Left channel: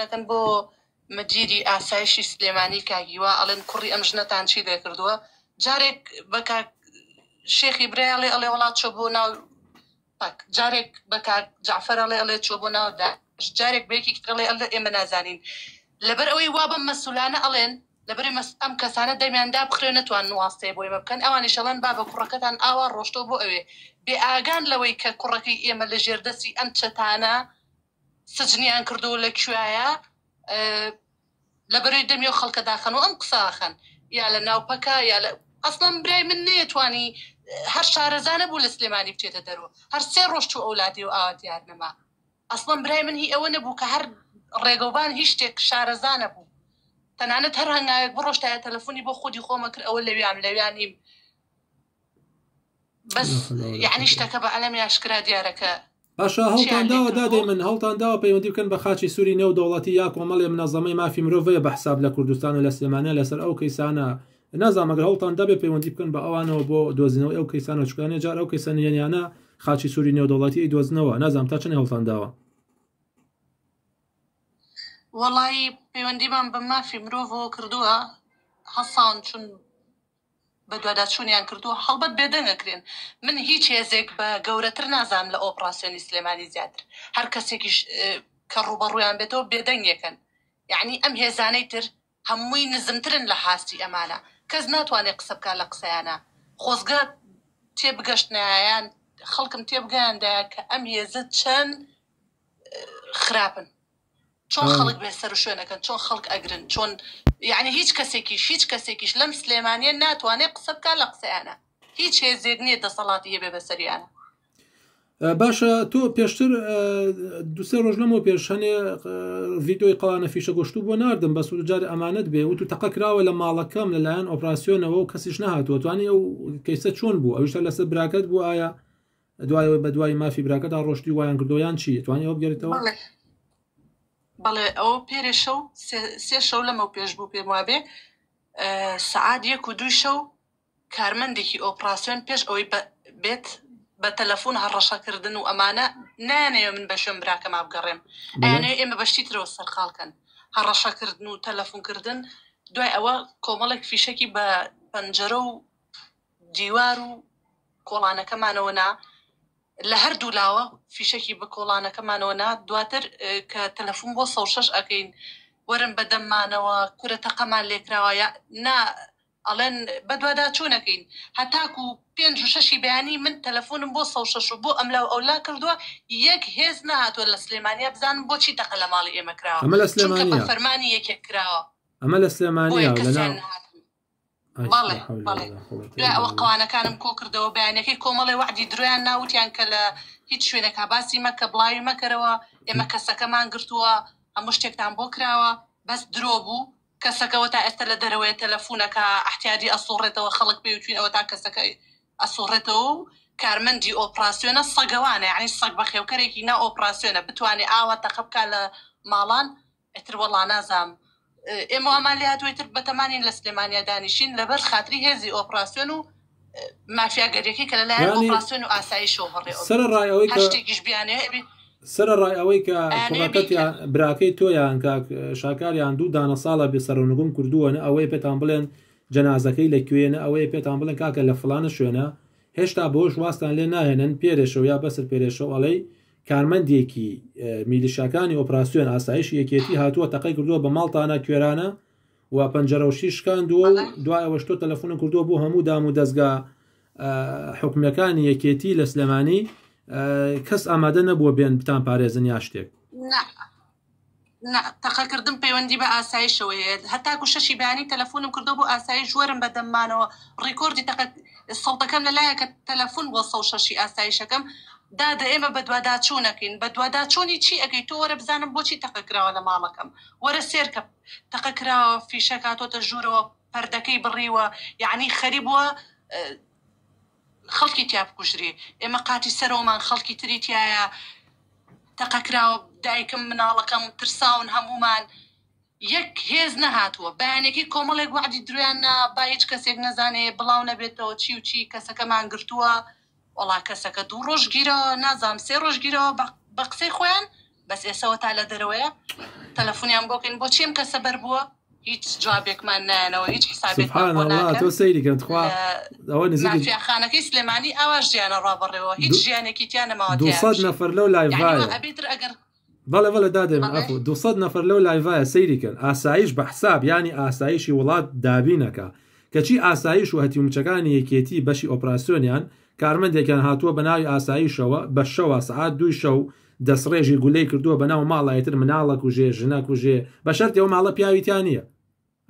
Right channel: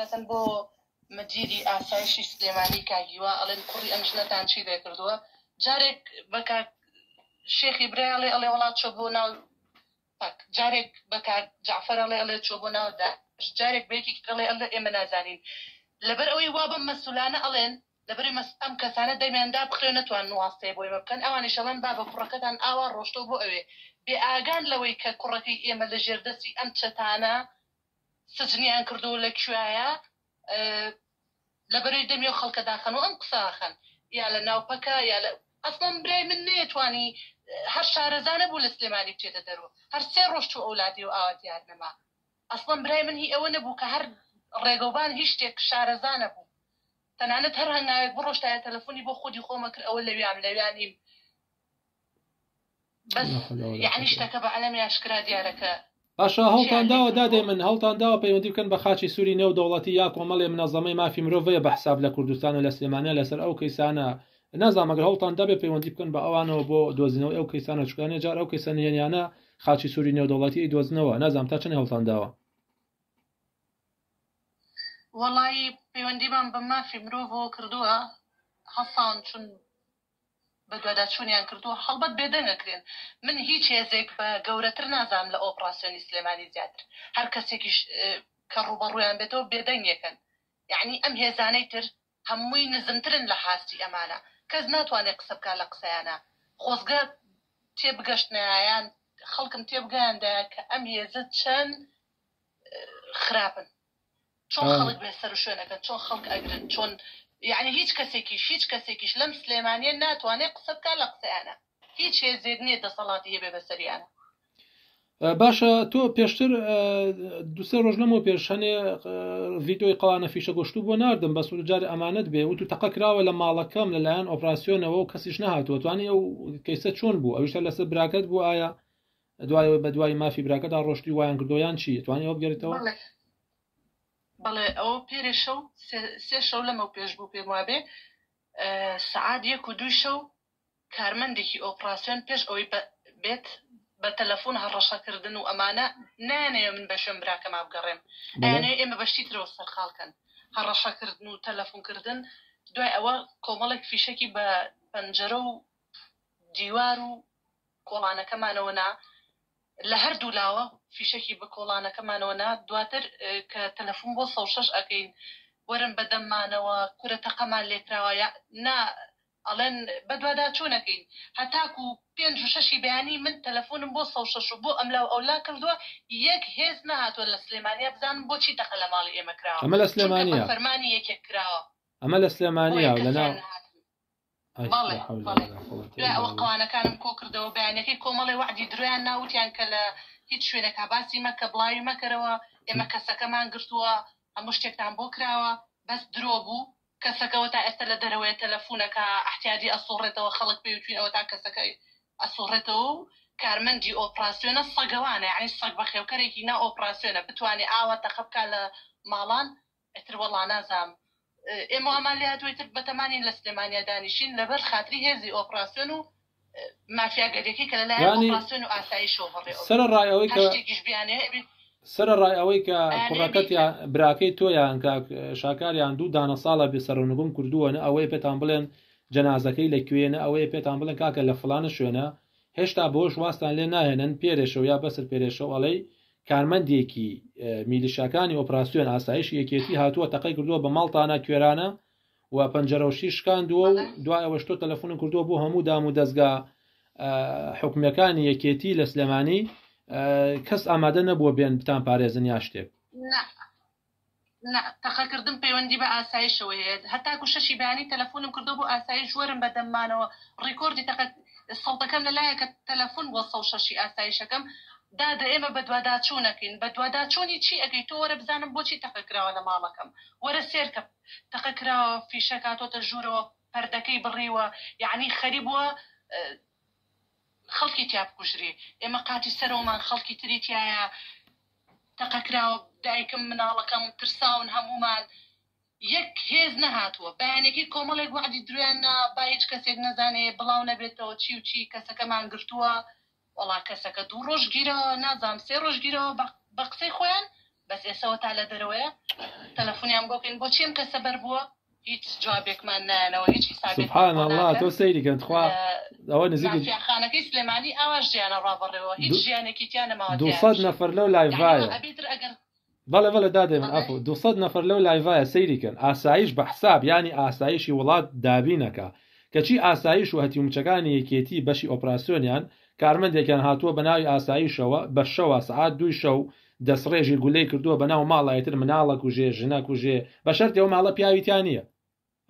نەکەن بۆ مەدیری ئاسایشی سلێمانی کاگیوە ئەڵێن کوڕی ئەم ژنەتان چی لێ کردووە جارێک بە کاک شێخی برایڵێ ئەڵێ وڵات چۆ بۆ ناو جارێک بە کاک جعفەر ئەڵێ چۆ بۆ ناو داعش جارێک بەیەکی ئەڵێ ئێمە نازانین لەبەر ئەوەی وا بە مەسئولانە ئەڵێن لەبەر ئەم کەسانە دەمیاندا بخرێ نەتوان نواستەیە بۆ ئێمە بکەن ئەوانیش ئەڵێن با بە کوڕەکەتان ئاوا ڕۆشتۆ بۆ ئەوێ بێ ئاگان لەوەی کە کوڕەکەی ئێمە لە ژێردەستی ئەم چەتانە سجنیان کردو لە کوێیە لەبەرەوەی دەمی و خەڵکە داخەن و ئەم قساخەن یا لە ناوپەکە یا لە ئەسڵم برای من نێتوانی هەر شارەزانە بوو لە سلێمانی بچێتە دەرەوە هەر سێ ڕۆژ و ئەولادی و ئاواتیار نەما ئەسڵم برای من هی ئەوە نەبوو کە هەر ڕێگەوبان هیچ شتێک شارەزانە بوو تەنانەت هەر هەنگاوێک بڕۆشتایە تەلەفۆنی بۆ خودی خۆمە کرد ئەوە لەویانیم بەس یعنی شتەکە بە عەلەمی ئاشکرا دیارەکە باشە هەڵتان داوە دادێ من هەڵتان داوە پەیوەندی بکەن بە خاچی سووری نێو دەوڵەتی یا کۆمەڵێ منەظەمەی مافی مرۆڤەیە بە حساب لە کوردستان و لە سلێمانیا لەسەر ئەو کەیسانە نازانم ئەگەر هەڵتان دەبێ پەیوەندی بکەن بە ئەوانەوە بۆ دۆزینەوە ئەو کەیسانە چکانێ جار ئەو کەیسە نهێنیانە خاچی سووری نێو دەوڵەتی دۆزنەوە نازانم تا چەند هەڵتان داوە وەڵی پەیوەندیمان بە مافی مرۆڤەوە کردووە هەسان چون بە دوواداچوونیان کردووە هەڵبەت بێدەنگەکرێن من هیچ هێزێک بە گەورەتر نازانم لە ئۆپراسیۆنی سلێمانی زیاتر هەر کەسێکیش کە ڕوبەڕوویان بێتەوە بێدەنگێکن یعنی ئەم هێزانەی تر هەمووی نزمترن لە حاستی ئەمانە کەس ناتوانێت قسە بکات لە قسەیانە خۆزگە تێبگەشتنایان خەڵکم تێبگەیاندایە کە ئەم هێزە چەند خراپن چۆن خەڵک بێ سەر و شوێنەکەن چۆن خەڵک ئەگرن چۆن یعنی هیچ کەسێکیش لەم سلێمانیە ناتوانێت قسە بکات لە قسەیانە هیچ هێزێک نییە دەسەڵاتی هەبێ بەسەریانە باشە تۆ پێشتر دوسێ ڕۆژ لەمەوە پێش هەنێ ڤیدۆی قەڵانە فیشە گۆشتو بۆ ناردم بە سوورجار ئەمانەت بێ و تو تەقە کراوە لە ماڵەکەم لەلایەن ئۆپراسیۆنەوە و کەسیش نەهاتوە توانی ئەو کەیسە چۆن بوو ئەوشتا لەسەر براکەت بوو ئایا دوایەوە بە دوای مافی براکەدا ڕۆشتی وایان کردۆیان چی توانی ئەو بگەریتەوە بەڵێ ئەو پێرێ شەو سێ شەو لەمە پێش بوو پێم وابێ سەعات 1 و 2 شەو کارمەندێکی ئۆپراسیۆن پێش ئەوەی بێت بە تەلەفۆن هەڕەشەکردن و ئەمانە نانەیە من بە شوێن براکەما بگەڕێم ئەیانێ ئێمە بەشتی ترەوە سەرخاڵکەن هەڕەشەکردن و تەلەفۆنکردن دوای ئەوە کۆمەڵێک فیشەکی بە پەنجەرە و دیوار و کۆڵانەکەمانەوەنا لە هەردوو لاوە فیشەکی بە کۆڵانەکەمانەوەنا دواتر کە تەلەفۆن بۆ 106 ئەکەین وەرن بەدەممانەوە کورە تەقەمان لێکراوە نا ئەڵێن بەدوادا چوونەکەین هەتاکو 5 و 6 بەیانی من تەلەفۆنم بۆ 106 بۆ ئەملاو ئەولا کردووە یەک هێز نهاتوە لە سلێمانیا بزانم بۆچی تەقە لە ماڵی ئێمە کراوە ئەمە لە سلێمانیا فەرمانی یەکێک کراوە ئەمە لە سلێمانیا ئەوە قوانەکانم کۆ کردەوە بەیانەکەی کۆمەڵی وعدی درۆیان ناوتیان کە لە هیچ شوێنێک باسی مەکە بڵاوی مەکەرەوە ئێمە کەسەکەمان گرتووە هەموو شتێکتان بۆ کراوە بەس درۆ بوو کەسەکەەوە تا ئێستا لە دەرەوەی تەلەفۆنەکە احتیاجی ئەسوڕێتەوە خەڵک پێوتوینەوە تا کەسەکە ئەسوڕێتەوە و کارمەندی ئۆپراسیۆنە سەگەوانە یعنی سەگ بە خێوکەرێکی نا ئۆپراسیۆنە بتوانێت ئاوا تەقە بکات لە ماڵان ئەتر وەڵا نازام ئێمە ئەمان لێ هاتوویتر بەتەمانین لە سلێمانیا دانیشین لەبەر خاتری هێزی ئۆپراسیۆن و مافیاگەریەکەی کە لەلایەن ئۆپراسیۆن و ئاسایشەوە بەڕێ هەشتێکیش بیانێ سەرڕای ئەوەی کە کوڕەکەتیان براکەی تۆیان شاکاریان دوو دانە ساڵە بێ سەرونگوم کردووەنە ئەوەی پێتان بڵێن جەنازەکەی لەکوێنە ئەوەیە پێتان بڵێن کاکە لە فڵانە شوێنە هێشتا بۆش واستان لێ ناهێنن پێرێشەوە یا بەسەر پێرێشەوە ئەڵەی کارمەندێکی میلیشاکانی ئۆپراسیۆن ئاسایشی یەکێتی هاتووە تەقەی کردووە بە ماڵتانە کوێرانە و پەنجەرەوشی شکاندووە و دوایەوە شتۆ تەلەفۆنم کردووە بۆ هەموو دام و دەستگا حکومەکانی یەکێتی لە سلێمانی کەس ئامادە نەبووە بێن بتان پارێزن یا شتێک تەقەکردن پەیوەندی بە ئاسایشەوەیە هەتاکو شەشی بەیانی تەلەفۆنم کردو بۆ ئاسایش وەرم بەدەممانەوە ڕیکۆردی سەڵتەکەم لەلایە کە تەلەفۆن بۆ 106 ئاسایشەکەم دادە ئێمە بە دوواداچوونەکەین بە دوواداچوونی چی ئەگەی تۆ وەرە بزانم بۆچی تەقەکراوە لە ماڵەکەم وەرە سێرکە تەقەکراوە فیشە کاتۆتە ژوورەوە پەردەکەی بڕیوە یعنی خەریبووە خەڵکی تیا بکوژری ئێمە قاتی سەرۆمان خەڵکی تری تایە تەقەکراوە دایکم مناڵەکەم ترساون هەمومان یەک هێز نەهاتووە بەیانێکی کۆمەڵێک وعدی درویاننا با هیچ کەسێک نەزانێ بڵاو نەبێتەوە چی و چی کەسەکەمان گرتووە وەڵا کەسەکە 2 ڕۆژ گیرەوە نازام 3 ڕۆژ گیرەوە بە قسەی خۆیان بەس ئێسەوە تا لە دەرەوەیە تەلەفۆنیان بۆکەین بۆ چیم کە سەبەر بووە هیچ جوابێکمان نایەنەوە هیچ حسابێکمان بۆ ناکەن تۆ سەیریکەن خوا ئەوە نزیک خانەکەی سلێمانی ئاوا ژیانە ڕابڕێەوە هیچ ژیانێکی تیان نەماوە 200 نەفەر لەو لایڤایە بەڵێ دادێن ئەفو 200 نەفەر لەو لایڤایە سەیریکەن ئاسایش بە حساب ینی ئاسایشی وڵات دابینەکە کەچی ئاسایش و هەتیومچەکانی یەکێتی بەشی ئۆپراسیۆنیان کارمەندێکیان هاتووە بە ناوی ئاسایشەوە بە شەوە سعات 2 شەو دەسڕێژی گولەی کردووە بە ناو ماڵایەتر مناڵە کوژێ ژنە کوژێ بە شەرتی ئەو ماڵە پیاویتیان نییە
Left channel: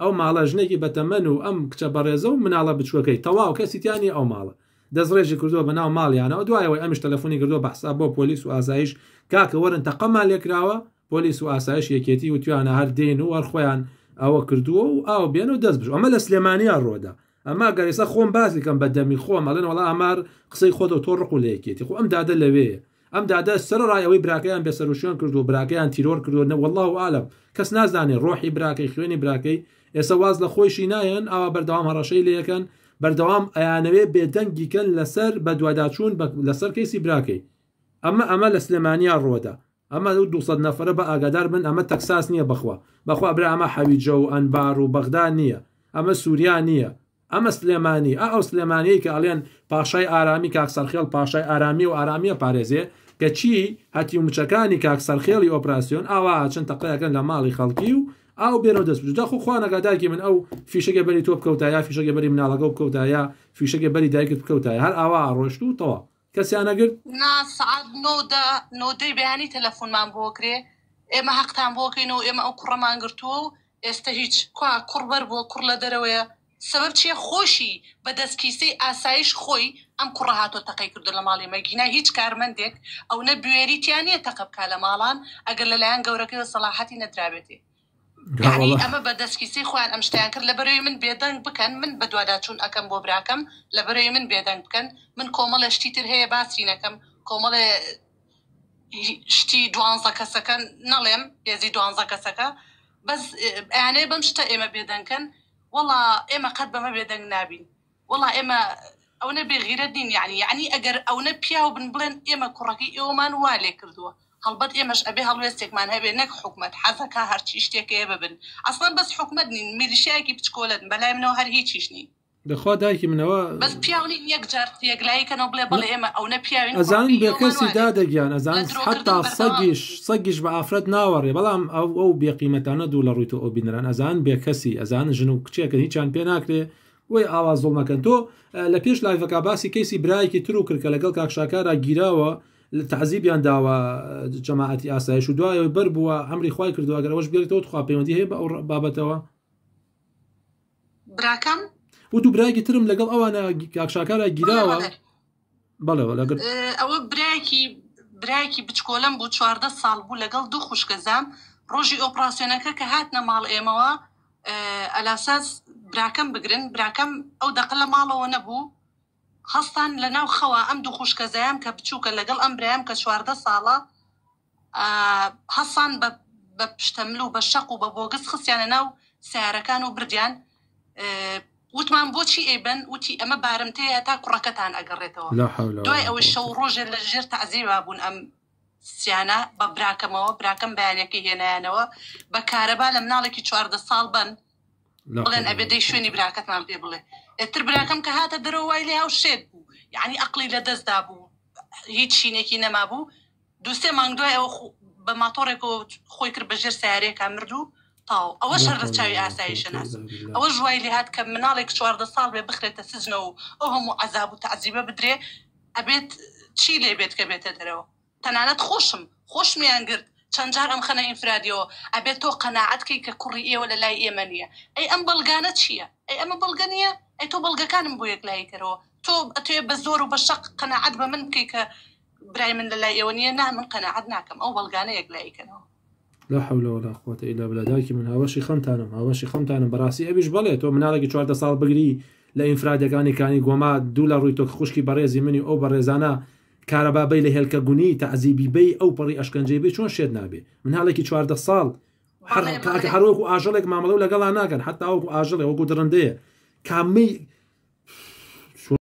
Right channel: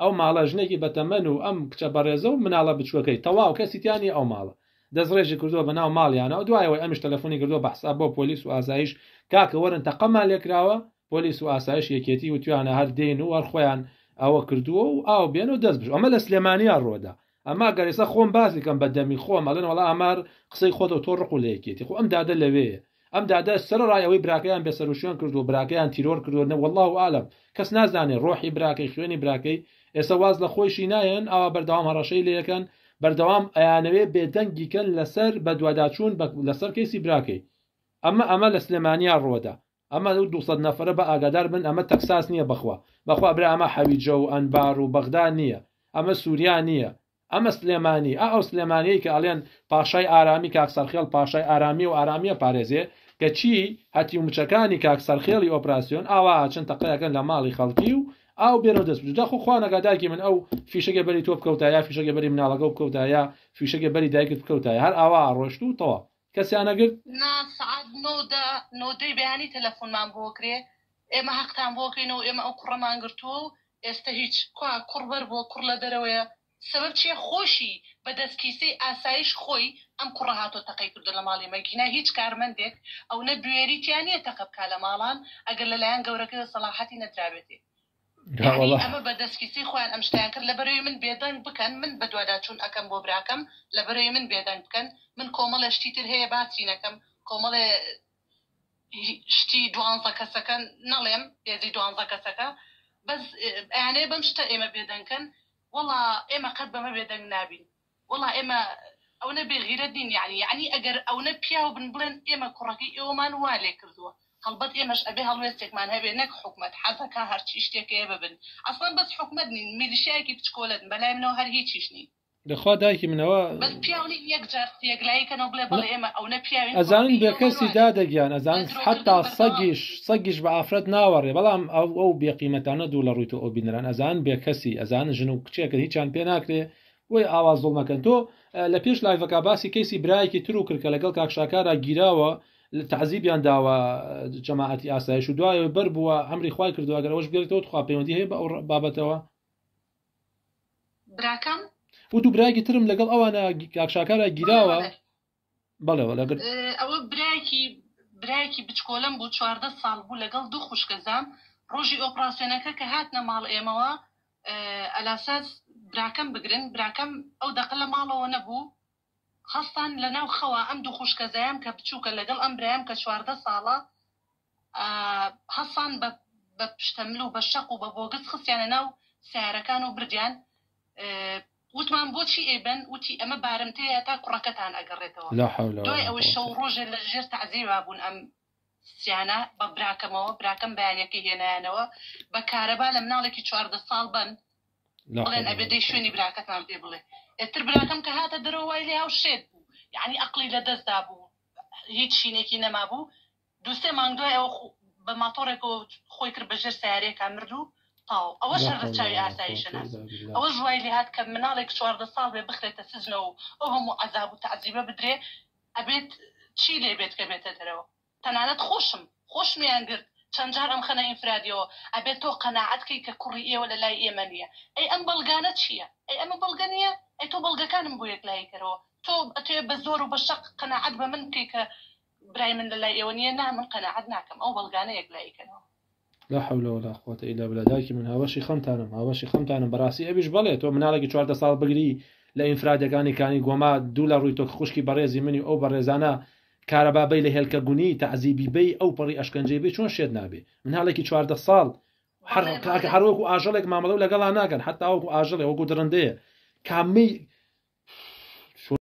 ئەو ماڵە ژنێکی بەتەمەن و ئەم کچە بەڕێزە و مناڵە بچووەکەی تەواو کەسیتیانی ئەو ماڵە دەسڕێژی کردووە بە ناو ماڵیانەوە دوایەوەی ئەمیش تەلەفۆنی کردووە بە حساب بۆ پۆلیس و ئاسایش کاکە وەرن تەقەمان لێکراوە پۆلیس و ئاسایش یەکێتی و توانە هەر دێن و وەرخۆیان ئەوە کردووە و ئاو بێن و دەست بژ ئەمە لە سلێمانیان ڕۆدا ئەما گەرێسە خۆم باسی کەم بە دەمی خۆم ئەڵێن وەڵا ئەمار قسەی خۆتە تۆ ڕق و لە یەکێتی خۆ ئەم دادە لەوەیە ئەم دادا سەرڕایەوەی براکەیان بێسەروشیان کردو و براکەیان تیرۆر کردوە والله و عالم کەس نازانێت ڕۆحی براکەی خوێنی براکەی ئێستا واز لە خۆشی نایەن ئاوا بەردەوام هەڕەشەی لە یەکەن بەردەوام ئەیانەوێ بێدەنگیکەن لەسەر بە دواداچوون لەسەر کەیسی براکەی ئەمە لە سلێمانیان ڕۆدا ئەمە 200 نەفرە بە ئاگادار بن ئەمە تەکساس نییە بەخوا برا ئەمە حەویجە و ئەنبار و بەغدا نییە ئەمە سووریا نییە ئەمە سلێمانی ئەو سلێمانەیە کە ئەڵێن پاشای ئارامی کاکسەرخێڵ پاشای ئارامی و ئارامیە پارێزێ کە چی هەتی و مچەکانی کاکسەرخێڵی ئۆپراسیۆن ئاوا چەند تەقەیەکەن لە ماڵی خەڵکی و ئاو بێنەوە دەست بجا خۆ خوانەگاداکی من ئەو فیشەکە بەری تۆ بکەوتایە فیشەکە بەری مناڵەکە بکەوتایە فیشەکە بەری دایکت بکەوتایە هەر ئاوا ڕۆشت و تەوا کەسیانەگرت سعات نۆدەی بەیانی تەلەفۆنمان بۆ کرێ ئێمە حەقتان بۆکەین و ئێمە ئەو کوڕەمان گرتووە و ئێستا هیچ کوا کوڕبەر بۆ کوڕ لە دەرەوەیە سبب چیە خۆشی بە دەستکیسەی ئاسایش خۆی ئەم کوڕە هاتۆ تەقەی کردو لە ماڵی مەگینا هیچ کارمەندێک ئەو نە بوێریتیانە تەقە بکا لە ماڵان ئەگەر لەلایەن گەورەکەی سەلاحەتی نەدرابێتێ یعنی ئەمە بە دەستکیسەی خۆیان ئەم شتیان کرد لە بەرەوەی من بێدەنگ بکەن من بە دوواداچوون ئەەکەم بۆ براکەم لە بەرەوەی من بێدەنگ بکەن من کۆمەڵە شتی تر هەیە باسی نەکەم کۆمەڵێ شتی 12 کەسەکەن نەڵێم هێزی 12 کەسەکە بەس ئەیانەیە بەم شتە ئێمە بێدەنگکەن وڵا ئێمە قەت بەمە بێدەنگ نابین وڵا ئێمە ئەو نەبێ غیرەت نین یعنی ئەگەر ئەو نە پیا و بن بڵێن ئێمە کوڕەکەی ئێوەمان وا لێ کردووە هەڵبەت ئێمەش ئەبێ هەڵوێستێکمان هەبێ نەک حکومت حەزەکە هەرچی شتێکەیە ببن ئەسڵەن بەس حکومت نین میلیشیایەکی بچکۆلەن بەلای منەوە هەر هیچیش نین دەخوا دایکی منەوە بەس پیاونی یەکجار یەکلاییکەنەوە بڵێ بەڵێ ئێمە ئەو نە پیاوین ئەزانین بێ کەسی دادەگیان ئەزان حتا سەگیش بە ئافرەت ناوەڕێ بەڵام ئەو بێقیمەتانە دوو لە ڕووی تۆ ئەو بینەران ئەزان بێ کەسی ئەزان ژن و کچێکە هیچیان پێ ناکرێ وی ئاواز زۆڵمەکەن تۆ لە پێش لایڤەکە باسی کەیسی برایەکی تر و کرد کە لەگەڵ کاکشاکارە گیراوە تعزیبیان داوە جەماعەتی ئاسایش و دوایەوە بەر بووە ئەمری خوای کردووە ئەگەر ئەوەش بێتەوە خوا پەیوەندی هەیە بە ئەو بابەتەوە براکەم و دوو برایەکی ترم لەگەڵ ئەوانە کاکشاکارە گیراوە بەڵێەوە لەگەڵ ئەوە برایەکی بچکۆلم بوو 14 ساڵ بوو لەگەڵ دوو خوشکەزام ڕۆژی ئۆپراسیۆنەکە کە هاتنە ماڵ ئێمەوە ئەلاساس براکەم بگرن براکەم ئەو دەقە لە ماڵەوە نەبوو هەستان لە ناو خەوە ئەم دوو خوشکەزایام کە بچووکە لەگەڵ ئەم برایام کە 14 ساڵە هەستان بە پشتەمل و بە شەق و بە بۆگس خستیانە ناو سیارەکان و بردیان وتمان بۆچی ئێبن وتی ئەمە بارمتەیە تا کوڕەکەتان ئەگەڕێتەوە دوای ئەوەی شەو ڕۆژێ لە ژێر تەعزیبا بوون ئەم سیانە بە براکەمەوە براکەم بەیانەکەی هێنایانەوە بە کارەبا لە مناڵێکی 14 ساڵ بن بڵێن ئەبێ دەی شوێنی براکەتمان پێ بڵێ ئێتر براکەم کە هاتە دەرەوە وای لێ هاو شێت بوو یعنی ئەقلی لە دەستدا بوو هیچ شینێکی نەما بوو دووسێ مانگ دوای ئەوە بە ماتۆڕێکەوە خۆی کرد بە ژێر سیارەیەکە مردوو تاو ئەوە شەرە چاوی ئاسایشە ناس ئەوە ژوای لێ هات کە مناڵێک 14 ساڵ بێ بخرێتە سزنەوە ئەو هەموو عەزاب و تەعزیبە بدرێ ئەبێت چی لێ بێت کە بێتە دەرەوە تەنانەت خۆشمیان گرت چەند جار ئەم خەنە ئینفرادیەوە ئەبێت تۆ قەناعەتکەی کە کوڕی ئێوە لە لای ئێمە نییە ئەی ئەم بەڵگانە چییە ئەی ئەمە بەڵگە نییە ئەی تۆ بەڵگەکانم بۆ یەکلایی کەرەوە تۆ ئەتوێ بە زۆر و بە شەق قەناعەت بە من بکەی کە برای من لە لای ئێوە نییە نا من قەناعەت ناکەم ئەو بەڵگانە یەکلایی کەنەوە لا حول ولا قوة إلا بالله دایکی من هاوشی خەمتانم بەڕاستی ئەویش بڵێ تۆ مناڵێکی 14 ساڵ بگری لە ئینفرادەکانی کانی گۆما دوو لە ڕووی تۆ خوشکی بەڕێزی منی ئەو بەڕێزانە کارەبابەی لە هێلکە گونی تەعزیبی بەی ئەو پەڕی ئەشکەنجەی بێ چۆن شێت نابێ مناڵێکی 14 ساڵ هەروەکو ئاژەڵێک مامەڵە و لەگەڵا ناکەن حتا ئەوکو ئاژەڵێ وەکو درندەیە کامی